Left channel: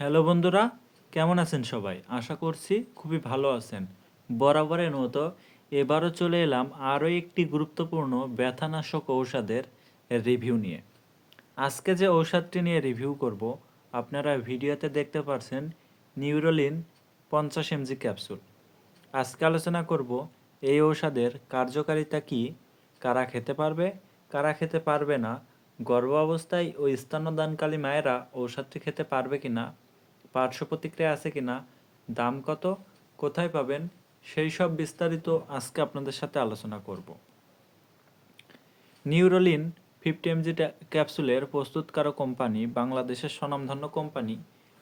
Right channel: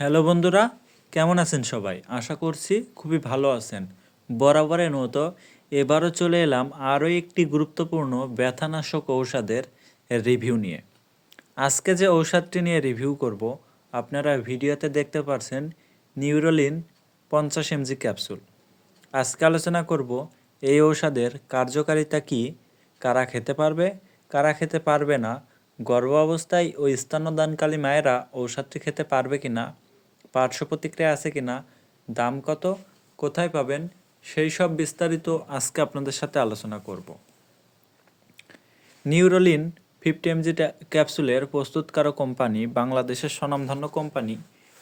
Hello বন্ধুরা, কেমন আছেন সবাই? আশা করছি খুবই ভালো আছেন। বরাবরের মতো এবারও চলে এলাম আরও একটি গুরুত্বপূর্ণ ব্যথানাশক ঔষধের রিভিউ নিয়ে। আজকে যে ঔষধটি নিয়ে রিভিউ করব, আপনারা ভিডিওতে দেখতে পারছেন নিউরোলিন পঞ্চাশ এমজি ক্যাপসুল। আজকে আলোচনা করব, এই ঔষধের কার্যকারিতা কি, কারা খেতে পারবে, কারা খেতে পারবে না গর্ভ অবস্থায় ও স্তন্যদানকালী মায়েরা ঔষধটি খেতে পারবে কি না পার্শ্ব প্রতিক্রিয়া আছে কি না, দাম কত, কোথায় পাবেন, সেই সব বিস্তারিত আজকে আপনাদের সাথে আলোচনা করব। নিউরোলিন ফিফটি এমজি ক্যাপসুলের প্রস্তুতকারক কোম্পানি, বাংলাদেশের স্বনামধন্য কোম্পানি,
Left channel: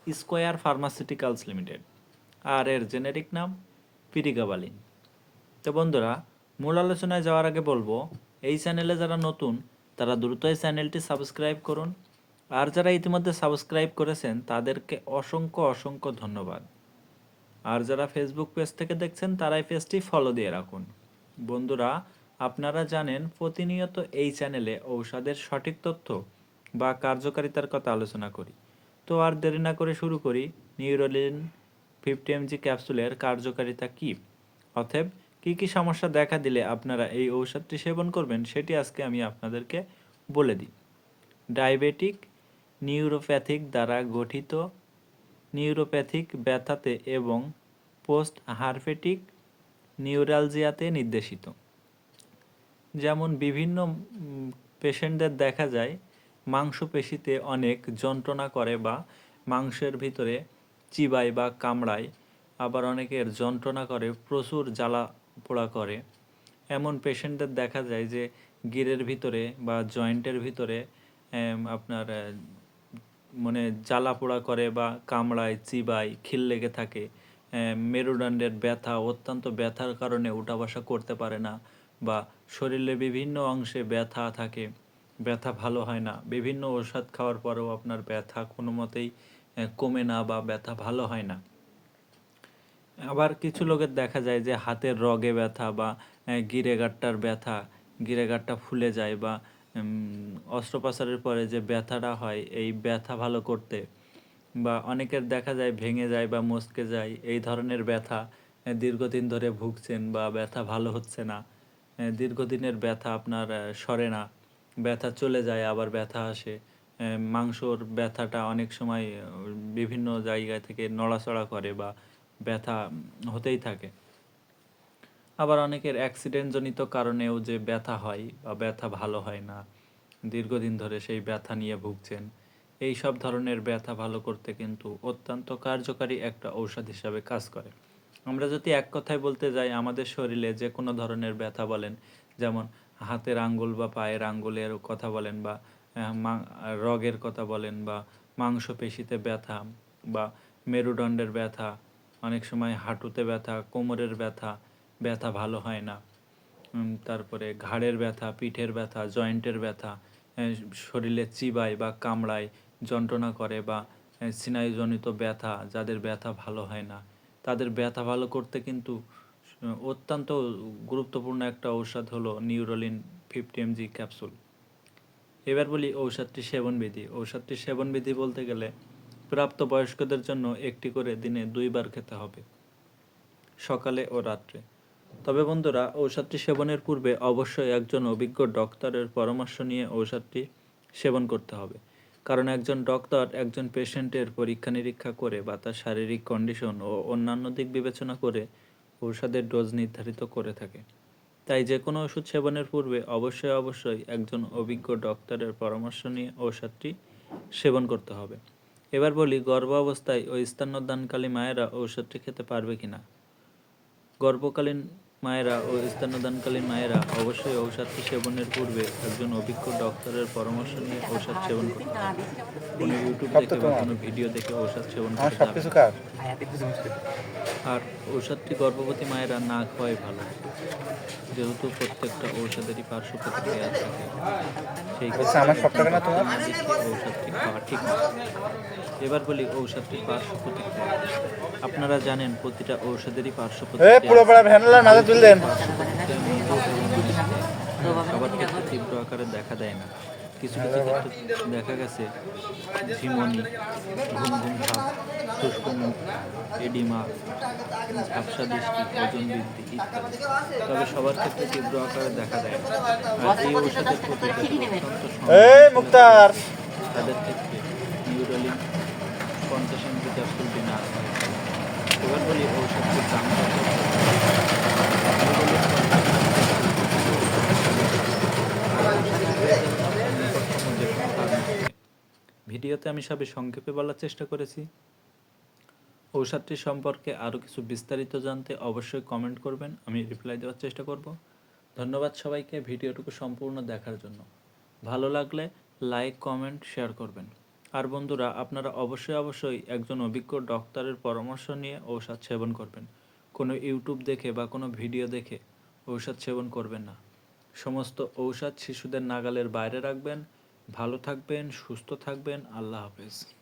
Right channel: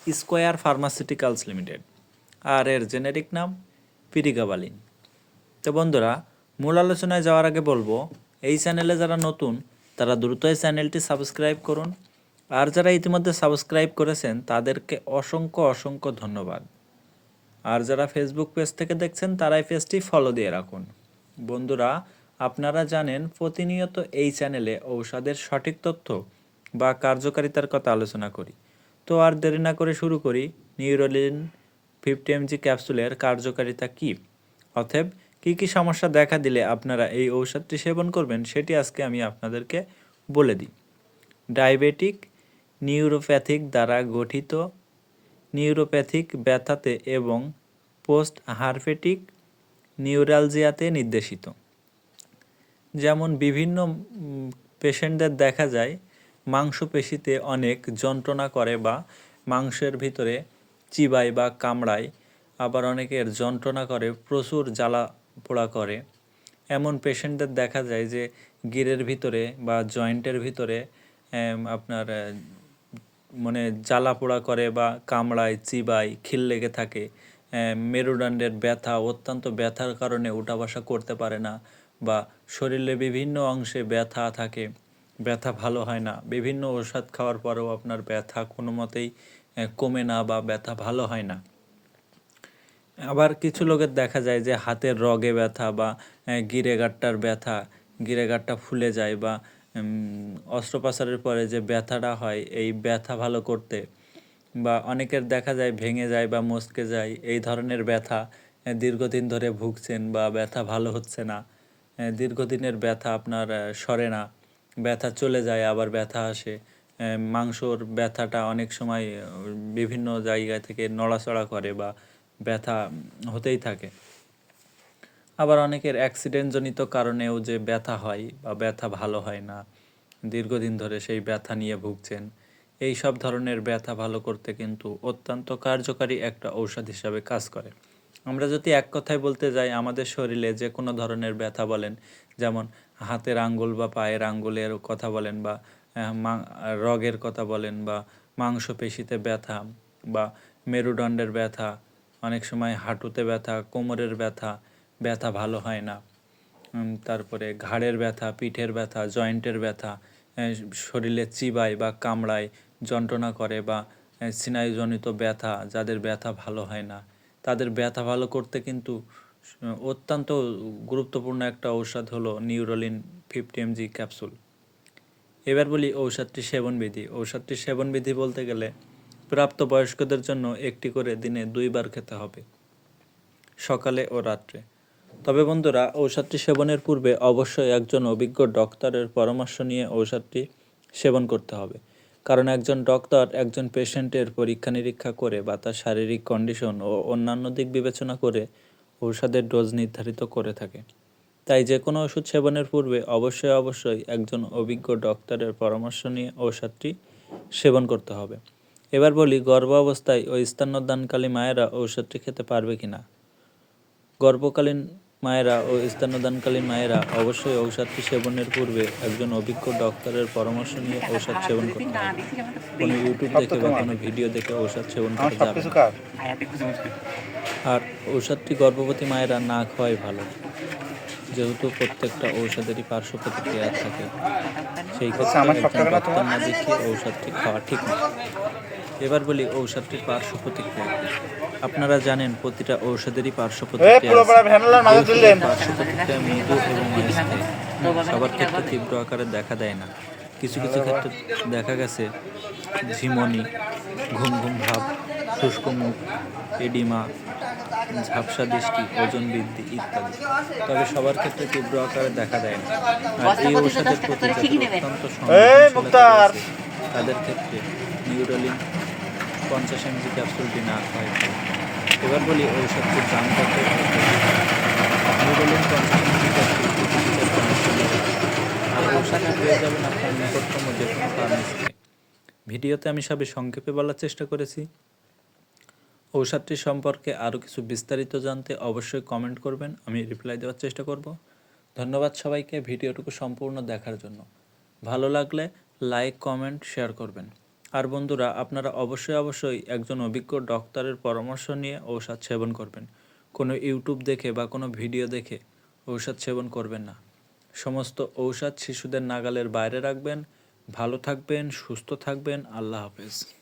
স্কোয়ার ফার্মাসিউটিক্যালস লিমিটেড। আর এর জেনেরিক নাম পিরিগাবালিন। তো বন্ধুরা, মূল আলোচনায় যাওয়ার আগে বলব, এই চ্যানেলে যারা নতুন, তারা দ্রুত চ্যানেলটি সাবস্ক্রাইব করুন আর যারা ইতিমধ্যে সাবস্ক্রাইব করেছেন, তাদেরকে অসংখ্য অসংখ্য ধন্যবাদ। আর যারা ফেসবুক পেজ থেকে দেখছেন তারা এই পেজটি ফলো দিয়ে রাখুন। বন্ধুরা, আপনারা জানেন প্রতিনিয়ত এই চ্যানেলে ঔষধের সঠিক তথ্য বা কার্যকারিতার কথা আলোচনা করি। তো আর দেরি না করে শুরু করি নিউরোলিন ফিফটি এমজি ক্যাপসুলের কার্যকারিতা কী? অতএব, কী কী সমস্যা দেখা দিলে আপনারা এই ঔষধটি সেবন করবেন, সেটি আজকে আমি আপনাদেরকে বলে দিই। ডায়াবেটিক নিউরোপ্যাথিক দ্বারা গঠিত নিউরোপ্যাথিক ব্যথাতে এবং পোস্ট হারফেটিক নিউরালজিয়াতে নির্দেশিত। যেমন বিভিন্ন পেশেন্টদের দেখা যায়, মাংসপেশিতে অনেক যন্ত্রণা করে বা মাংসের ভিতরে চিবায় বা কামড়ায়, আবার অনেকের যন্ত্রণা করে, প্রচুর জ্বালা পোড়া করে। এমন পেশেন্টদের দেখা যায় যে গিরের ভিতরে বা জয়েন্টের ভিতরে আপনার মানে জ্বালা পোড়া করে বা কামড়ায়, চিবায়, খিল লেগে থাকে মেরুদণ্ডের ব্যথা, অত্যন্ত ব্যথার কারণে উঠা বসা করতে পারে না বা শরীরের বিভিন্ন অংশে ব্যথা থাকে, ব্যথা ভালো হয় না। বিভিন্ন ওষুধ খাওয়ার পরেও আপনার ব্যথা কোনো মতেই কমে না বা ব্যথা ভালো হয় না। আবার কিছু লোকের দেখা যায় যে হাতের রগে ব্যথা বা গিরেগাট্টার ব্যথা, গিরেগাট্টা ফুলে যায় বা অস্ত্রোপচারের পরে যে ব্যথাটা হয়, এই ব্যথা ভালো করতে বা অনেকের দেখা যায় ভেঙে যায় বা মচকে যায়, এই ধরনের ব্যথা দীর্ঘদিন ধরে ভুগছেন বা ব্যথা ভালো হচ্ছে না দীর্ঘদিনের ব্যথা আপনার সরে না, ব্যথা চলে যায়, আবার ব্যথা আসে মাংসর ব্যথাটা অনেক সময় বিভিন্ন জায়গা থেকে নড়াচড়া করে বা ব্যথা হতেই থাকে। আবার অনেকের অ্যাক্সিডেন্টজনিত কারণেও যে ব্যথা হয় বা ব্যথা ভালো হয় না, দীর্ঘদিন ধরে সেই ব্যথা নিয়ে ভুগছেন, এই সব ধরনের ব্যথা ভালো করতে কিন্তু অত্যন্ত কার্যকারী একটা ঔষধ হিসাবে কাজ করে। আমরা যদি এক কথায় বলতে যাই, আমাদের শরীরে যে কোনো ধরনের ব্যথা বলেন, যেমন হাতের আঙ্গুল বা পায়ের আঙ্গুলের কথা বলেন বা রগের কথা বলেন বা মাংসপেশিতে ব্যথা বা মেরুদণ্ডের ব্যথা, অনেক সময় হাঁটুতে ব্যথা, কোমরের ব্যথা ব্যথা ভালো হয় না। তারপরে ঘাড়ের ব্যথা, পিঠের ব্যথা, জয়েন্টের ব্যথা শরীরে চিবায় বা কামড়ায়, যন্ত্রণা করে বা স্নায়ুজনিত ব্যথা, যাদের ব্যথা ভালো হয় না। তাদের ব্যথা ভালো করতে কিন্তু অত্যন্ত গুরুত্বপূর্ণ একটা ঔষধ হলো নিউরোলিন ফিফটি এমজি ক্যাপসুল। এবার বলি ঔষধটি সেবনবিধি। ঔষধটি সেবনবিধি বলতে গেলে প্রাপ্তবয়স্কদের জন্য একটি করে দিনে দুইবার খেতে হবে, সকালে ও রাত্রে। তবে বন্ধুরা, ঔষধটি সেবনের পূর্বে অবশ্যই একজন অভিজ্ঞ ডক্টরের পরামর্শ নিয়ে ঔষধটি সেবন করতে হবে। কারণ একজন ডক্টর একজন পেশেন্টের পরীক্ষা নিরীক্ষা করে বা তার শারীরিক কন্ডিশন ও অন্যান্য দিক বিবেচনা করে ঔষধের ডোজ নির্ধারিত করে থাকে। তাই যে কোনো ওষুধ সেবনের পূর্বে অবশ্যই অবশ্যই একজন অভিজ্ঞ ডক্টরের পরামর্শ নিয়ে ঔষধটি সেবন করতে হবে। এবার বলি গর্ভ অবস্থায় ও স্তন্যদানকালী মায়েরা ঔষধটি খেতে পারবে কিনা? গর্ভকালীন মায়েরা ও স্তন্যদানকালীন মায়েরা অবশ্যই ঔষধটি সেবনের পূর্বে একজন অভিজ্ঞ ডক্টরের পরামর্শ নিয়ে ঔষধ সেবন করতে হবে। কোনো ইউটিউব দেখে বা কোনো ভিডিও দেখে ঔষধ সেবন আমার করা? সব যাবে কিছু না। কার আর ঔষধটি গর্ভবতী মায়েরা না খাওয়াই ভালো। যেহেতু প্রত্যেকটা ঔষধেরই পার্শ্ব প্রতিক্রিয়া থাকে সেই না দেখিয়ে ঔষধটি খাওয়া ঠিক না। এবার বলি ঔষধটির পার্শ্ব প্রতিক্রিয়া। আপনারা জানেন প্রতিটা ঔষধেরই পার্শ্ব প্রতিক্রিয়া তুললেন। সবার ক্ষেত্রে তীব্র আকারে দেখা দেয় না। কিছু কিছু ক্ষেত্রে দেখা গেছে ঝিমনি ঘুম ঘুম ভাব শুষ্ক মুখ এডিমা ঝাপসা দৃষ্টি ওজন বৃদ্ধি ইত্যাদি। তবে সবার ক্ষেত্রে তীব্র আকারে দেখা দেয় না। আর এই ঔষধের প্রতি অত্যন্ত তাদের ক্ষেত্রে নিউরোলিন পঞ্চাশ এমজি ক্যাপসুল বিনা আকারে এবার বলি ঔষধটি ভিডিওতে আমি সবে সংক্ষেপে বলার চেষ্টা করেছি। ঔষধটি সম্পর্কে আরও কিছু বিস্তারিত জানতে অবশ্যই কমেন্ট করবেন, আমি রিপ্লাই দেওয়ার চেষ্টা করব। ধন্যবাদ সবাইকে ভিডিওটুকু সম্পূর্ণ দেখার জন্য। ভালো লাগলে লাইক কমেন্ট শেয়ার করবেন। আর বন্ধুরা, আপনারা অবশ্যই অবশ্যই একজন অভিজ্ঞ ডক্টরের পরামর্শ নিয়ে ঔষধ সেবন করবেন। কোনো ইউটিউব দেখে বা কোনো ভিডিও দেখে ঔষধ সেবন করবেন না। সমস্ত ঔষধ শিশুদের নাগালের বাইরে রাখবেন। ভালো থাকবেন, সুস্থ থাকবেন। আল্লাহ হাফেজ।